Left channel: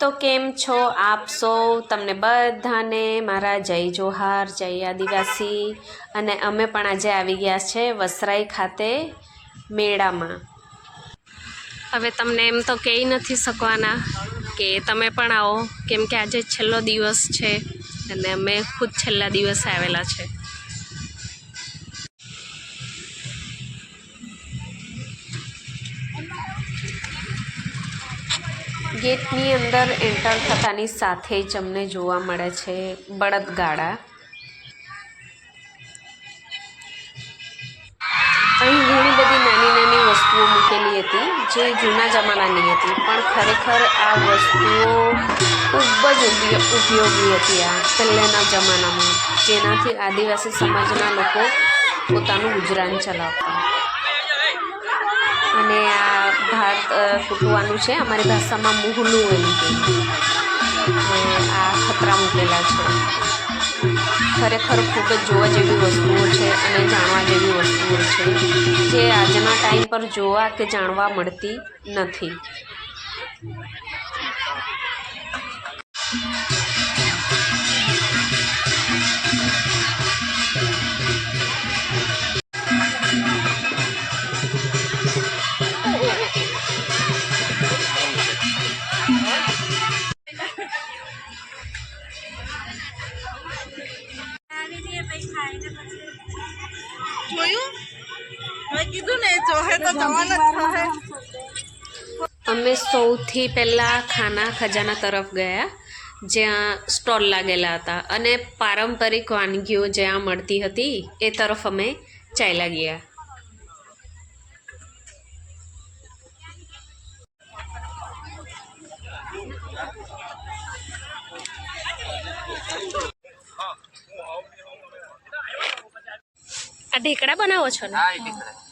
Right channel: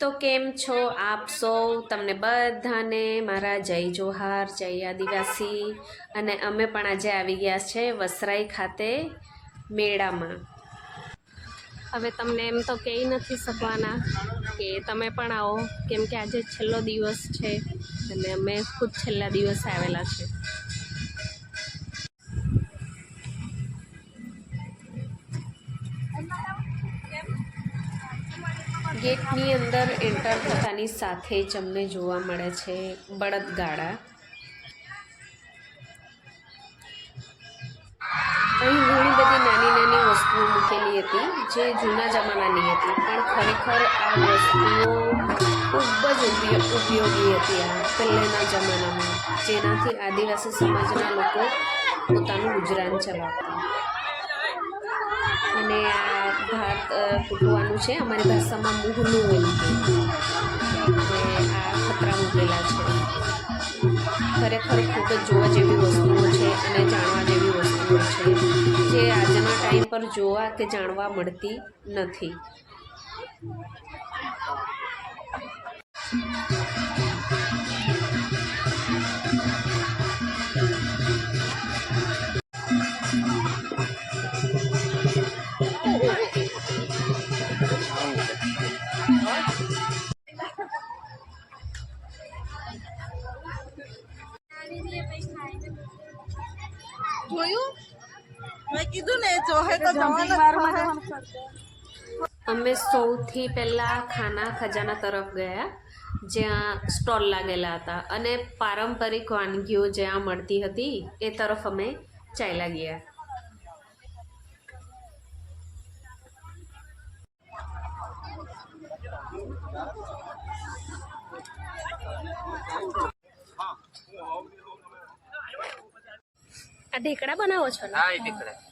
તો કેમ છો આપ સૌ? તમને બધાને મારા જય જોહાર, જય આદિવાસી. અને અમે પણ આજે આવી ગયા છે વસરાઈ ખાતે મેળામાં. હવે તમને એમ તો કહી નથી શકવાના કે તમે પણ આવો, કેમ કે આજે છેલ્લો દિવસ છે અને અમે ખુદ છેલ્લા દિવસે આવેલા છે. ગેટની અંદર એન્ટર થતાની સાથે જ અમને જોવા મળે છે બળદગાડા. અહીં ઘણી બધી નાની નાની વસ્તુઓ મૂકેલી હતી, જે જૂના જમાનાની હતી, પણ ખરેખર આ વસ્તુઓ ખૂબ જ ઉપયોગ હતી આ પહેલાંના જમાનામાં, જેનાથી આદિવાસી સમાજના લોકો પોતાનું ગુજરાન ચલાવતા. અને આ ભાત ફૂટવાનું છે. અમારી ભાષામાં મુહલું એમ કે આ ખતરા મૂકેલા છે. ખરેખર ખૂબ જ જોવા જેવી વસ્તુઓ છે અને જાણવા જેવી વસ્તુઓ છે, જે આજના ટાઈમ પર જોવા કે જાણવા મળતી નથી. અમે સૌથી પહેલાં ખાના ખજાના તરફ ગયા જ્યાં સ્ટોલ લાગેલા હતા અને પારંપરિક વાનગીઓ જ્યાં મળતી હતી એ તરફ અમે ચાલ્યા ગયા. આ ઢેકડા બનાવો છો ને? હા ઢીકડા. હા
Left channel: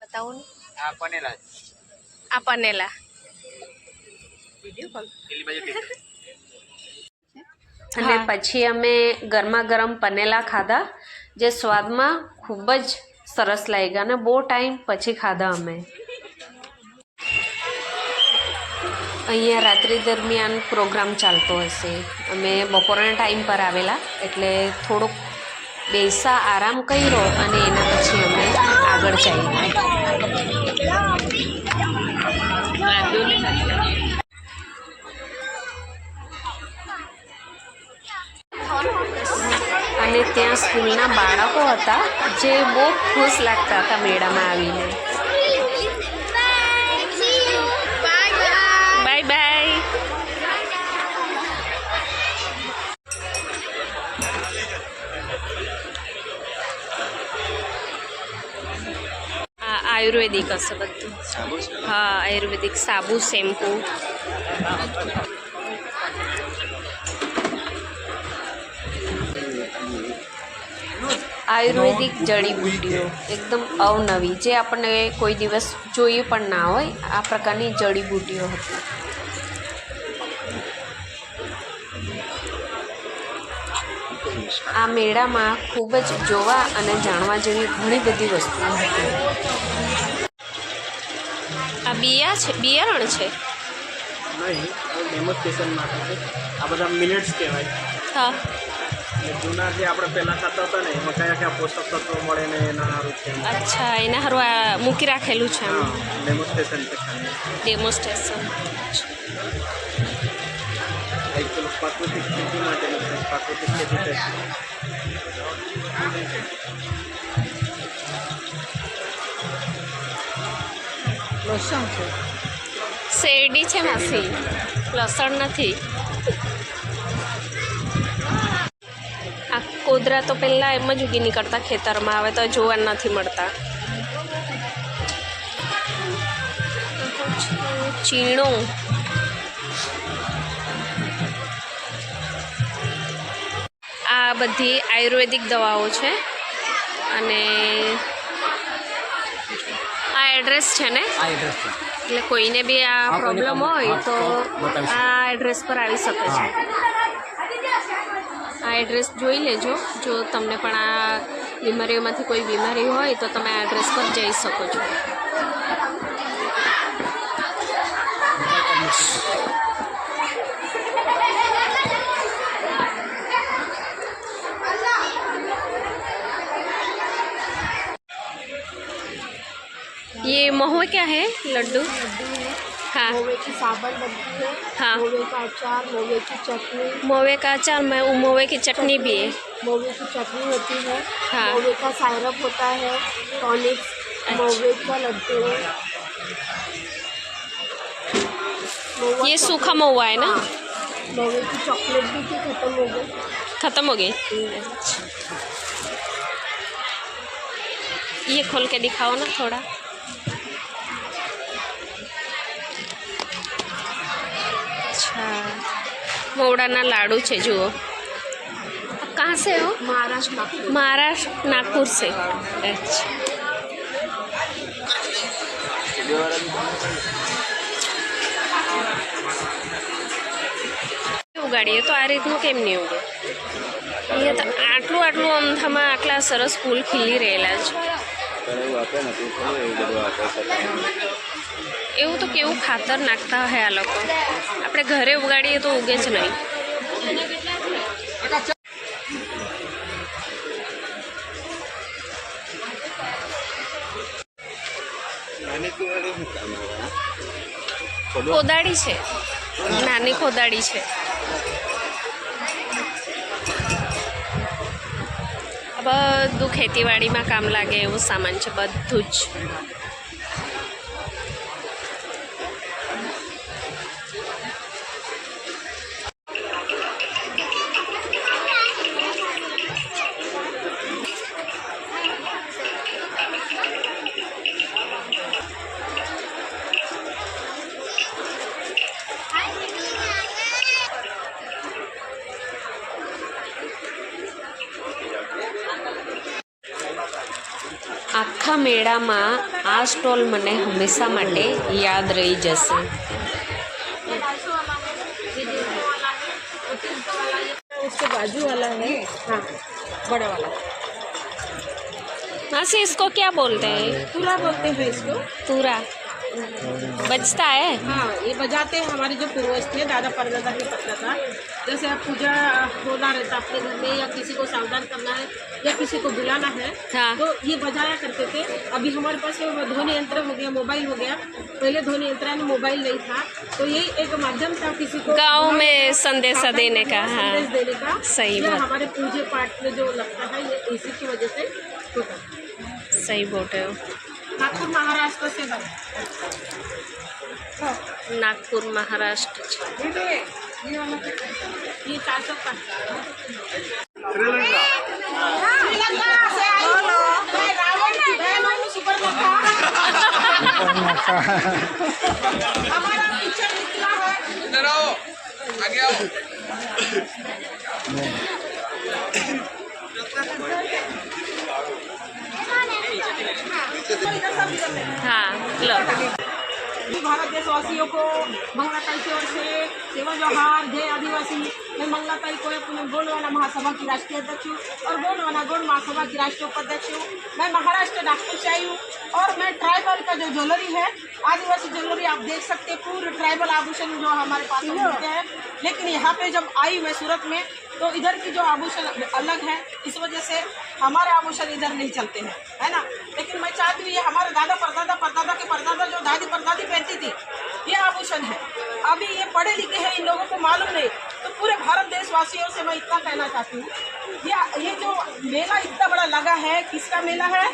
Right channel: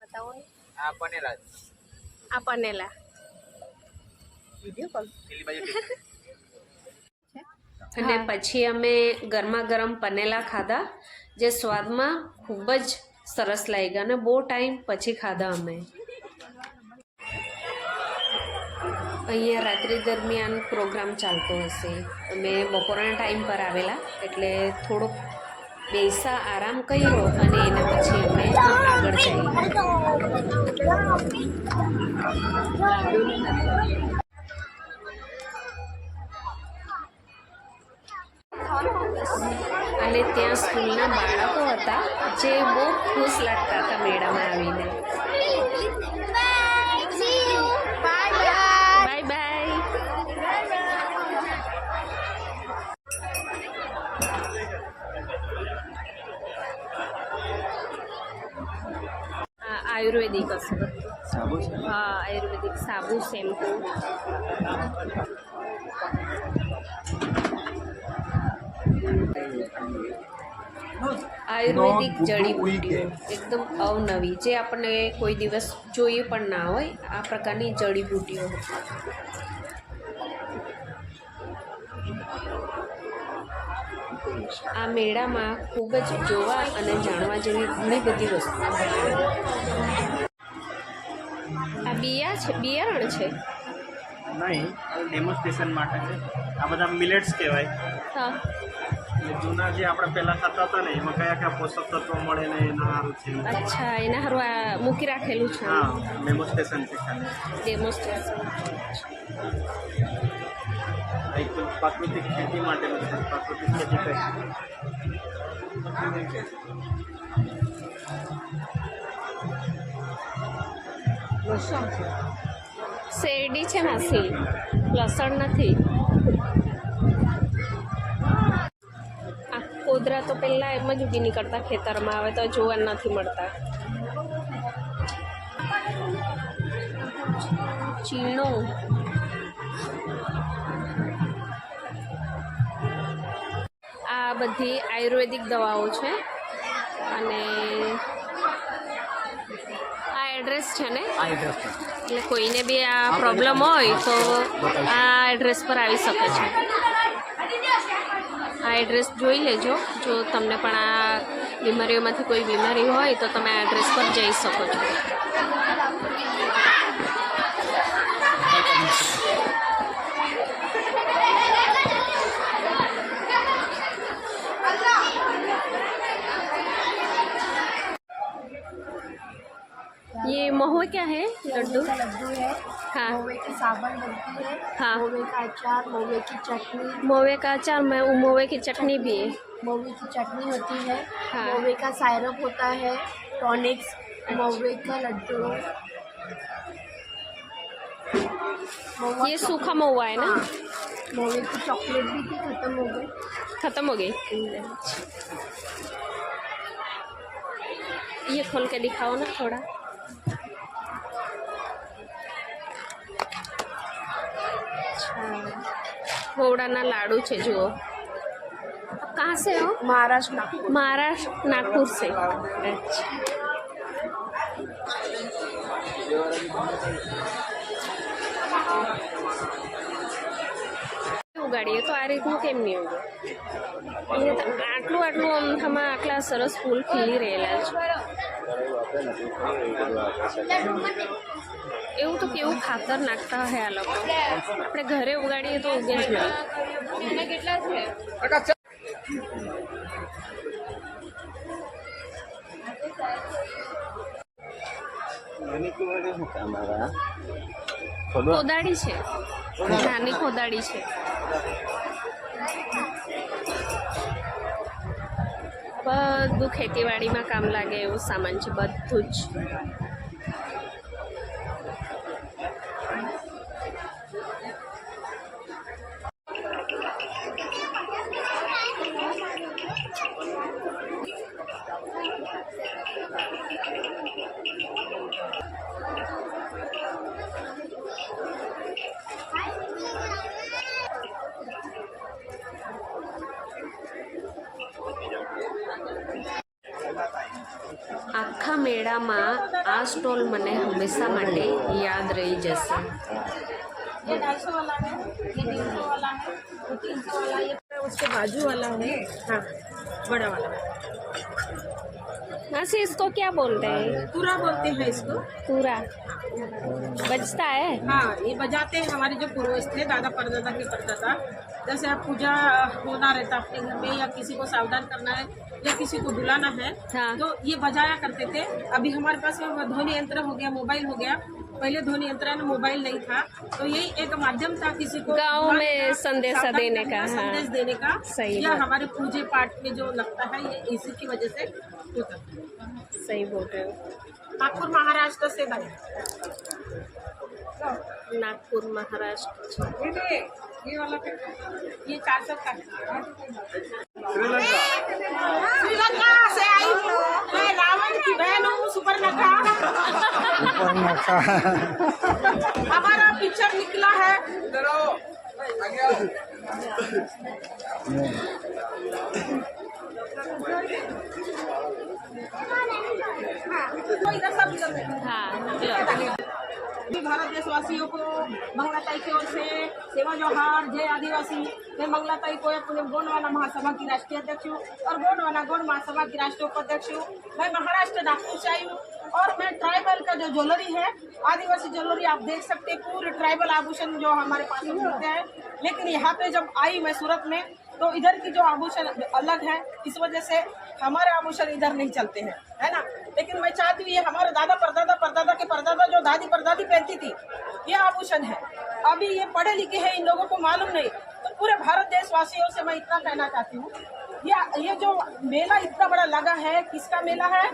બતાવો ને. આ બનેલા આ પનેલા. પેલી બાજુ અને પછી અમે ગરમા ગરમ પનેલા ખાધા જે સ્વાદમાં ખૂબ જ સરસ લાગ્યા અને બહુ ટાઈમ પછી ખાધા અમે. અહીંયા રાત્રિ દરમિયાન પ્રોગ્રામ ચાલતો હશે. અમે બપોરના ટાઈમ પર આવેલા એટલે થોડોક બેસા આરામ કર્યો અને એના પછી અમે આગળ જઈએ. અને ત્યાં સ્કૂલના બાળકો હતા જે બહુ ખુશ લાગતા હતા મેળામાં આવીને. આયુર્વેદિક હશે બધું. હા આયુર્વેદિક સાબુ શેમ્પુ. આયુર્વેદિક જડીબુટ્ટીઓ એકદમ અવનવી. જે આપણને કોઈ દિવસ જોઈએ પણ ના હોય આ પ્રકારની જડીબુટ્ટીઓ હતી. આ મેળામાં ખૂબ જ જોવા અને જાણવા જેવી ઘણી બધી વસ્તુઓ હતી. બિયા છે બિયારણ છે? નહીં હવે ડેમોન્સ્ટ્રેશન માટે છે આ બધા મિલેટ્સ કહેવાય. હા. જૂના જે આપણે પહેલાં ખાતા હતા ને એમાં કયા કયા પોષક તત્વો મળે ને એના સારું છે. અચ્છા એના સારું આ મૂકી રાખેલું છે ડેમોન્સ્ટ્રેશન એક પ્રાકૃતિક ખેતી માટેનું પ્રાકૃતિક ખેતી લસણ છે શેરડી છે માસી. લસણ નથી. આ કોદરા તો પહેલાં એમ જ ઉગી નીકળતા ખેતરમાં આવે તો જોવા નથી મળતા. ચીણો. આ બધી આયુર્વેદિક દવાઓ છે. અને એડ્રેસ છે ને? એટલે કોઈને બી આ પ્રોબ્લેમ હોય તો આ એડ્રેસ પર આવી શકે છે. આ એડ્રેસ જોઈ લેજો. જો તમને પણ આ બીમારીઓમાંથી કોઈ બીમારી હોય તો તમે આ એડ્રેસ પર જઈ શકો છો. ये क्या है? लड्डू? हाँ। है। हाँ। मोवे का अचार मोवे की चटनी। मोवे का अचार में मोवे की चटनी भी है। मोवे की चटनी होती है। हाँ। मोवे का सायरप होता है। टॉनिक्स अच्छा। मोवे का लड्डू। है ये सूखा महुआ है ना? हाँ। मोवे की चॉकलेट भी थी खत्म हो गई। खत्म हो गई। ये खोल के दिखाओ ना थोड़ा। મોવડાના લાડુ છે જુઓ आप कहाँ से हो महाराष्ट्र नागपुर महाराष्ट्र नागपुर से अच्छा ઉગાડીએ તો આ રીતનું કેમ નહીં ઉગે અહીંયા તો આટલું આટલું અમથામાં આટલા સરસ ફૂલ ખીલી રહેલા છે એવું તો કેવું ખાતર નાખતા હોય આ લોકો. આપણે ઘરે ઉગાડીએ તો ઉગે જ નહીં. કોદાળી છે. નાની કોદાળી છે. બધું ખેતીવાડીમાં કામ લાગે એવું સામાન છે બધું જ. આખા મેળામાં આ સ્ટોલ મને હંમેશા માટે યાદ રહી જશે उसके बाजू वाला है हाँ बड़ा वाला मासी इसको क्या बोलते हैं पूरा बोलते हैं इसको तूरा बचता है? हाँ ये बजाते हैं हमारे जो पूर्वज थे दादा परदादा के परदादा जैसे आप पूजा होना रहता अपने घर में या किसी को सावधान करना है या किसी को बुलाना है हाँ। तो ये बजाया करते थे। अभी हमारे पास ध्वनि यंत्र हो गया मोबाइल हो गया। पहले ध्वनि यंत्र में मोबाइल नहीं था। तो यही एक माध्यम था किसी को गाँव में संदेशा देने का हाँ। संदेश देने का। सही या हमारे पूजे पाठ में जो लगता है ये इसी की वजह से होता सही बोल रहे हो। नागपुर महाराष्ट्र से भाई नागपुर महाराष्ट्र। पिक्चर निकला है इधर आओ आगे हाँ भारत देशवासियों को मंगलाताई की ओर से सेवा जोहार, जय आदिवासी। मैं मंगलाताई को अपने गोंडवाना महासभा की राष्ट्रीय अध्यक्ष हूँ और गोंडवाना गोंड महासभा की राष्ट्रीय उपाध्यक्ष हूँ। मैं महाराष्ट्र नागपुर से आई हूँ और मैं ट्राइबल का जो ज्वेलरी है, आदिवासी ज्वेलरी आप देख सकते हैं, पूरे ट्राइबल आभूषण जो हमारे पास में मिलते हैं। लेकिन यहाँ पे जब आई मैं सूरत में तो इधर की जो आभूषण अलग है, इस वजह से हमारे आभूषण इधर नहीं चलते हैं, है ना? लेकिन मैं चाहती हूँ ये हमारे दादा परदादा परदादा के परदादा, जो दादी परदादी पहनती थी ये आभूषण है। अभी ये पढ़े लिखे हैं, इन लोगों को मालूम नहीं तो पूरे भारत देशवासियों से मैं इतना कहना चाहती हूँ, ये ये जो मेला इतना बड़ा लगा है, किसका मेला है?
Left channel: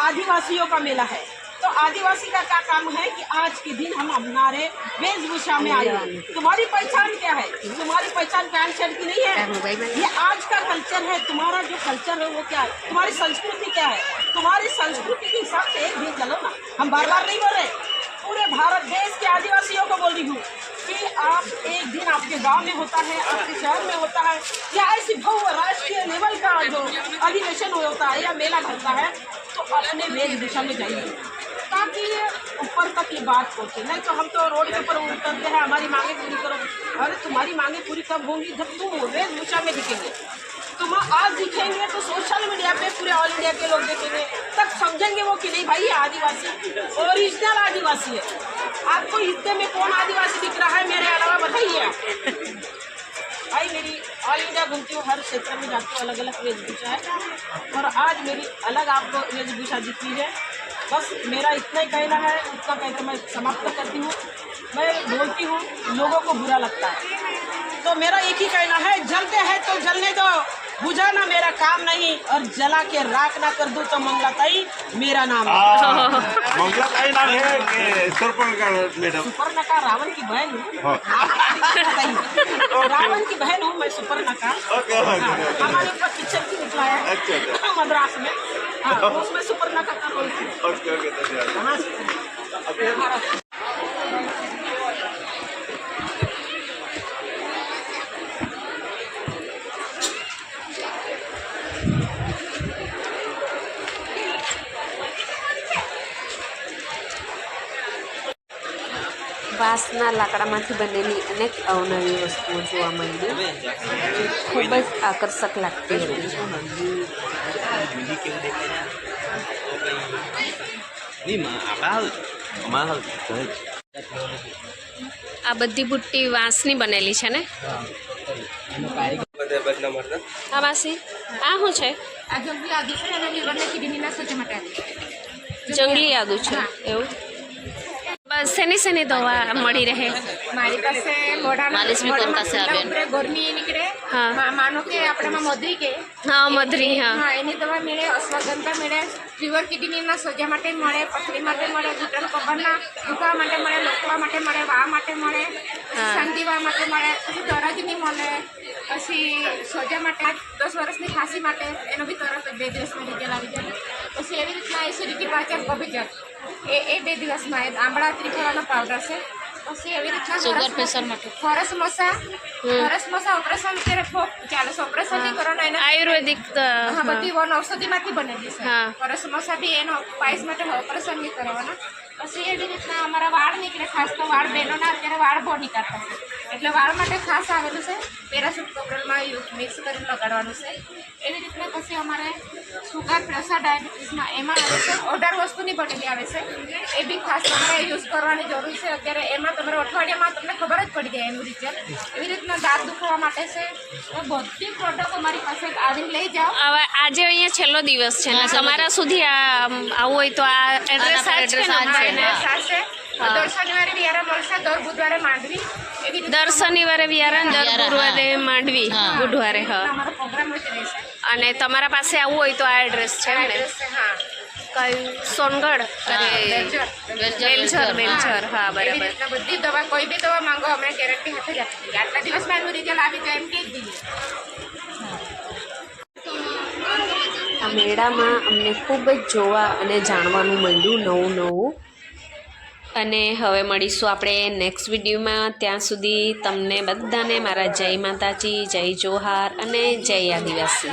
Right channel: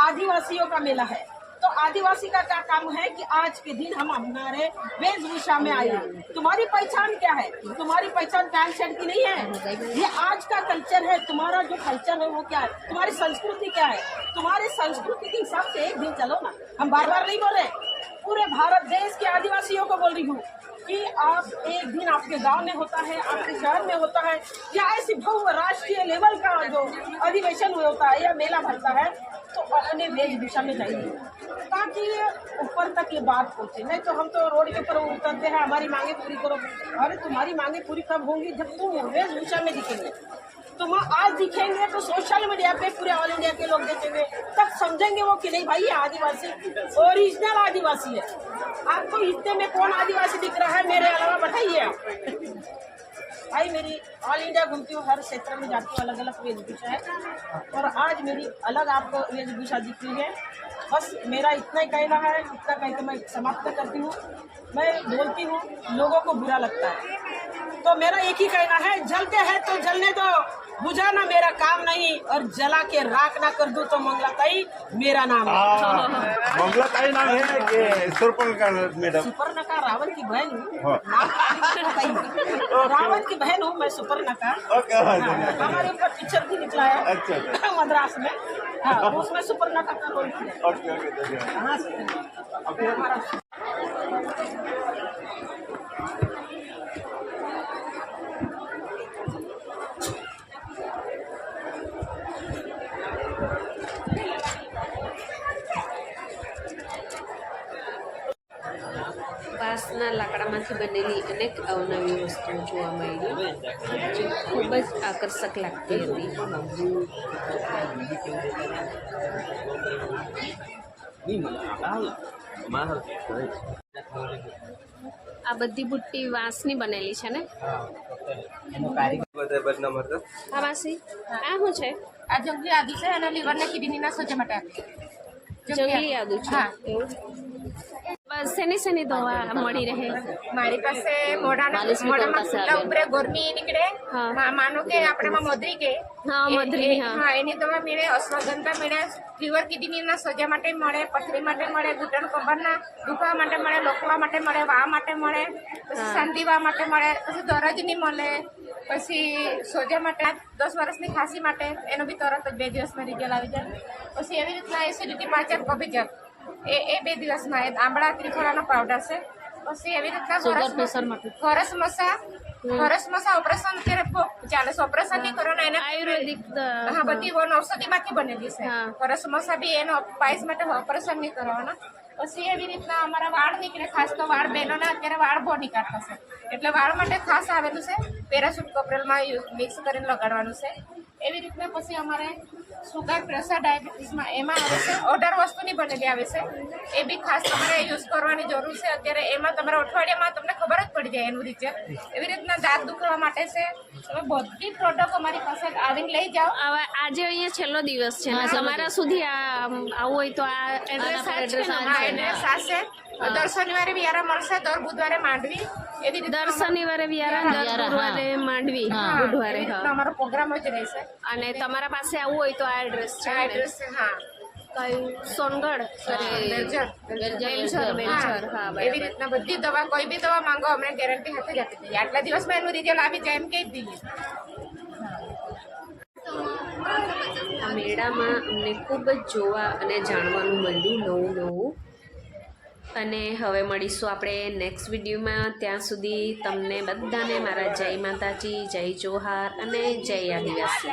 आदिवासियों का मेला है। तो आदिवासी का क्या काम है कि आज के दिन हम हमारे वेशभूषा में आए तुम्हारी पहचान क्या है? तुम्हारी पहचान पैंट शर्ट की नहीं है? ये आज का कल्चर है, तुम्हारा जो कल्चर है वो क्या है? तुम्हारी संस्कृति क्या है? तुम्हारी संस्कृति के हिसाब से एक दिन चलो ना। हम बार बार नहीं बोल रहे। पूरे भारत देश के आदिवासियों को बोल रही हूँ कि आप एक दिन आपके गाँव में होता है, आपके शहर में होता है, या ऐसी भव्य राष्ट्रीय लेवल का जो अधिवेशन होता है या मेला भरता है तो अपने वेद दिशा में जाइए। ताकि ऊपर तक ये बात पहुँचे। नहीं तो हम तो रोड के ऊपर उतरते हैं, हमारी मांगे पूरी करो। अरे तुम्हारी मांगे पूरी कब होंगी? जब तुम वेद दिशा में दिखेंगे। तुम आज दिखेंगे तो सोशल मीडिया पे पूरे ऑल इंडिया के लोग देखेंगे। तब समझेंगे वो कि नहीं भाई आदिवासी ओरिजिनल आदिवासी है। आपको इतने में कौन आदिवासी दिख रहा है, मेरे अलावा बताइए भाई, मेरी ऑल इंडिया घूमती हूँ, हर क्षेत्र में जाती हूँ अलग अलग वेशभूषा है। और आज मेरी अलग आपको वेशभूषा दिखती है। बस मेरा इतना ही कहना है, इतना कहकर मैं समाप्त करती हूँ। मैं बोलती हूँ, लोगों को बुरा लगता है। तो मेरा एक ही कहना है, जलते हैं तो जलने दो। बुझाना मेरा काम नहीं और जला के राख ना कर दूँ तो मंगलाताई मेरा नाम है। मंगला ताई नाम है कि सुरपंग का मैडम। सुपर्णका रावण की बहन हूँ। रावण की बहन हूँ मैं सुपर्णका। ओके हाँ, हमारे ऊपर पिक्चर भी निकला है। अच्छा मद्रास में। हाँ उसमें सुपर्णका का रोल किया વાંસના લાકડામાંથી બનેલી અનેક અવનવી વસ્તુઓ જોવા મળી. જે ખૂબ જ આકર્ષક લાગતી હતી. આ બધી બુટ્ટી વાંસની બનેલી છે ને? આ વાંસી? આ શું છે? આ જંગલી આદુ છે અને લીવરના કિડનીના સોજા માટે. આપે જંગલી આદુ છે એવું? બસ શેની શેની દવા મળી રહે? મારી પાસે મોઢામાં ઉપરે ગરમી નીકળે. હા. માનો કે આપણામાં મધરી કે. હા મધરી હા. એની દવા મળે અશ્વગંધા મળે ફીવર કિડનીના સોજા માટે મળે પથરી માટે મળે ઘૂંટણ કબરના દુખવા માટે મળે લોકવા માટે મળે વા માટે મળે પછી સંધિવા માટે મળે પછી દરજની મળે પછી સોજા માટે દસ વર્ષની ખાંસી માટે એનો બી તરત બે દિવસમાં રિઝલ્ટ આવી જાય. પછી એવી રીતના એસિડિટી પાચન કબજિયાત એ એ બે દિવસમાં એ આંબળા ત્રિફળાનો પાવડર છે. પછી એવી રીતના સુગર પ્રેશર માટે. ફરસ મસા ફરસ મસા ઓપરેશન કરે ચાલે છે ઓપરેશન નહીં કરો એને આયુર્વેદિક હા બધી વન ઔષધિમાંથી બનેલી છે. ફરસ મસા બી એનો પાયસ માટે ઓપરેશન નહીં કરવાના. પછી એવી રીતના અમારા વાળ નીકળે ખાસ તો વાળ બહેનોના અત્યારે વાળ બહુ નીકળતા છે. એટલે વાળ માટે ખાસ આવેલું છે. પેરાશૂટ કપડલમાં મિક્સ કરીને લગાડવાનું છે. એવી રીતના પછી અમારે સુગર પ્રસાદ ડાયાબિટીસમાં એમાં આવે છે. અઢાર વસ્તુની બનેલી આવે છે. એ બી ખાસ તમારે યુઝ કરવાની જરૂર છે. અત્યારે એમાં તમારે અઠવાડિયામાં તમને ખબર જ પડી જાય એનું રિઝલ્ટ એવી રીતના દાંત દુખવા માટે છે. તમે બધી પ્રોડક્ટ અમારી પાસે આવીને લઈ જાઓ. આવા આજે અહીંયા છેલ્લો દિવસ છે ને તમારા સુધી આ આમ, આવવું હોય તો આ એડ્રેસ આ છે. દર શનિવારે વિયારા મળશે દર બુધવારે માંડવી. એવી દર શનિવારે વિયારા દર ગુરુવારે માંડવી બુધવારે હા. અમારો પ્રોગ્રામ જ રહેશે. અને તમારા પાસે આવવું હોય તો આ એડ્રેસ છે ને? હા. કયું? સોનગઢ? વેલઝર. વેલઝર હા બરાબર. બધી દવા કોઈ બી દવા માંગો અમે ગેરંટી હાથે જ આપી દઈએ. આટલા દિવસમાં એનું રિઝલ્ટ આવી જાય એમ કહી દઈએ આ મેળામાં અમને ખૂબ જ જોવા અને જાણવાનું મળ્યું નવું નવું. અને હવે મળીશું આપણે નેક્સ્ટ વિડીયોમાં ત્યાં સુધી તમને બધાને મારા જય માતાજી, જય જોહાર અને જય આદિવાસી.